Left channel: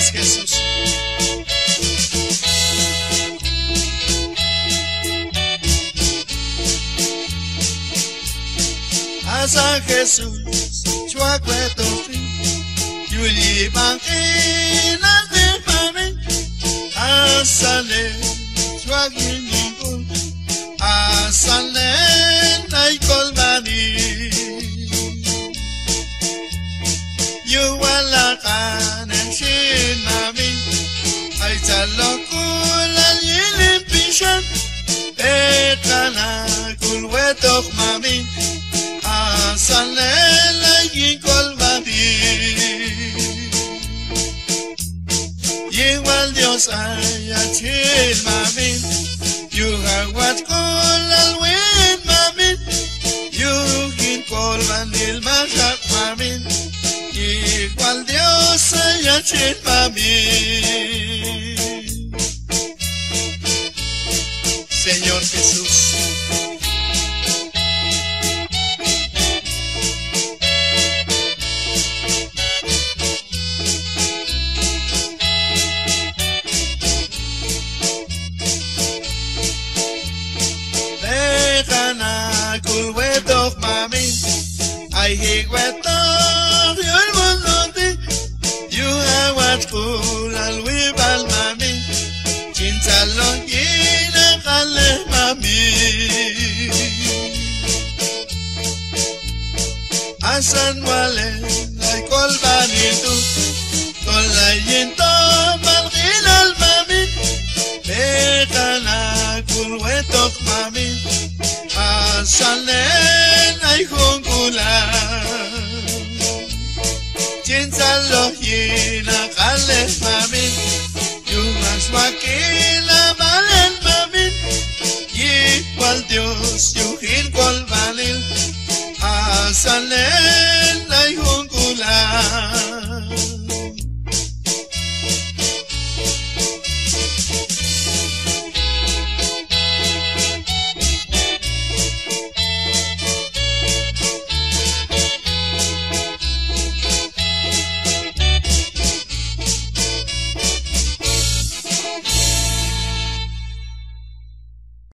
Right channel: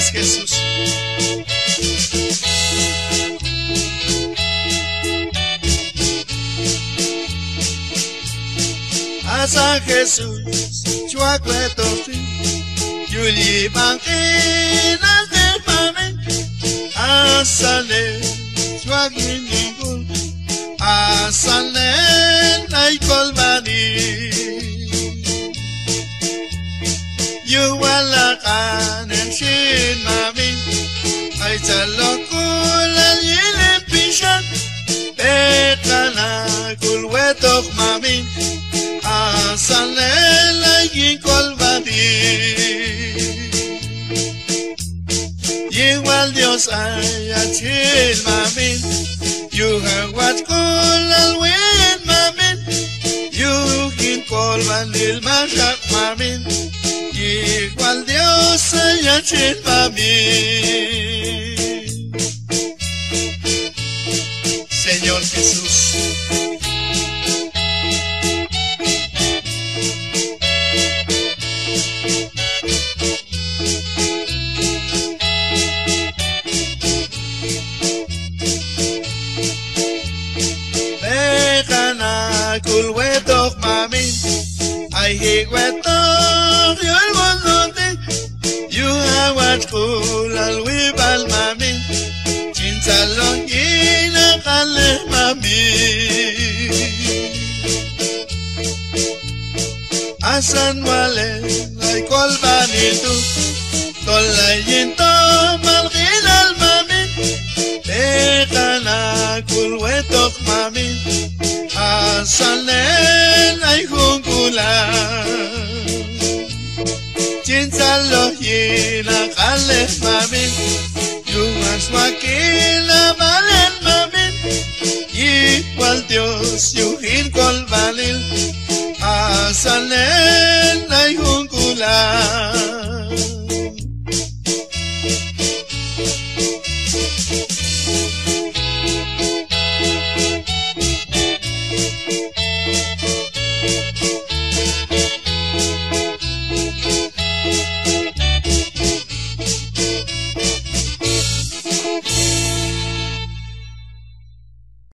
es Jesús. Asa Jesús, chuacueto fin, yuli banquina de mame, asale, chuaquin ningún, asale, nay colbani. Yuwalakan en shin mami, ay chalokula yilin pishan, etana kulwetok mami. Asanela y colbani. Igual Dios haya chil mami. You have what call al win mami. You can colbani el mashap mami. Igual Dios haya chil mami. Señor Jesús. Kulwetok mami, ay higwetok yoy monoti, you have what cool al wibal mami, chinsalong yina kale mami. Asan wale, ay kolbanito, tolayin to malkin al mami, etana kulwetok mami. Salen ay jungulan Chinsalo yina kales mamin Yumas wakila malen mamin Igual Dios yuhin kolbanil Salen ay jungulan